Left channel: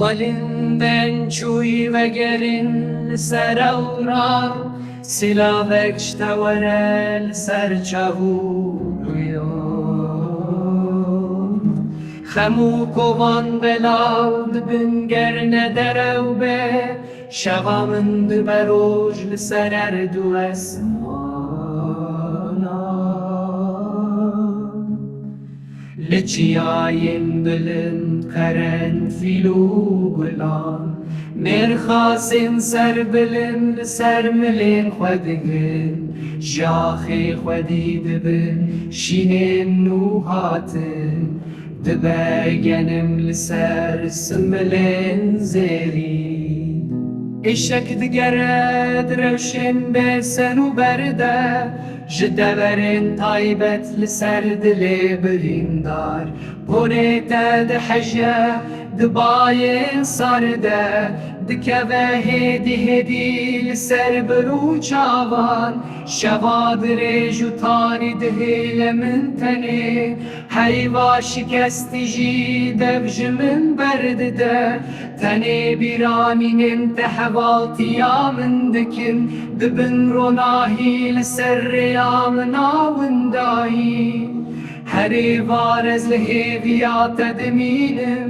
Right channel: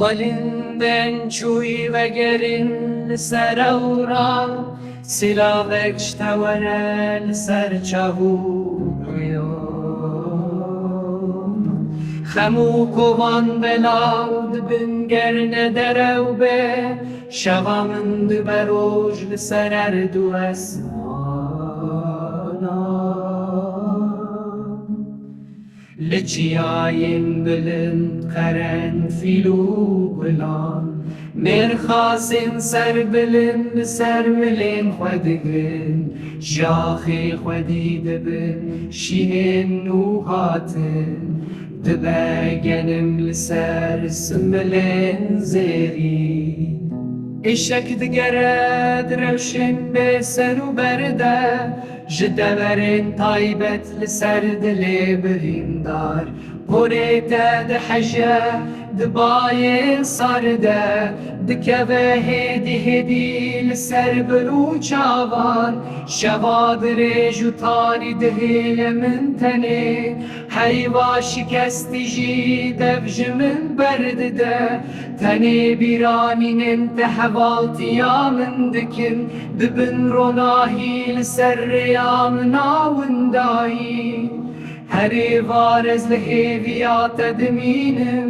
Balından çuy ve gerin ser avran Silavek ştevenel ser çavuruyor Xemu kovan belad bin gerne derev be Şevamın düberoj lser erdu esmana لچیاین بلند قرنفیل و گلان مرخاسین سر بلند سر ملین خودگن جاخی خودی دبن شینین نوحاتن دبگنم لسر سملین زیری اشک دگرد روشن به سر و برده جدورن تایبت لسر دل بریندار پوریته ده حجه دبای سارده دکوه هدی هدی لسر برو چاوان شواد ریجو تاری دهیل من تنه حیوا شکستی جی دبج من برده تنه بیرامین انتحوالتی من دکن دبن روناهی لسر یا مناوندایی هری وارز لهیویات دمینم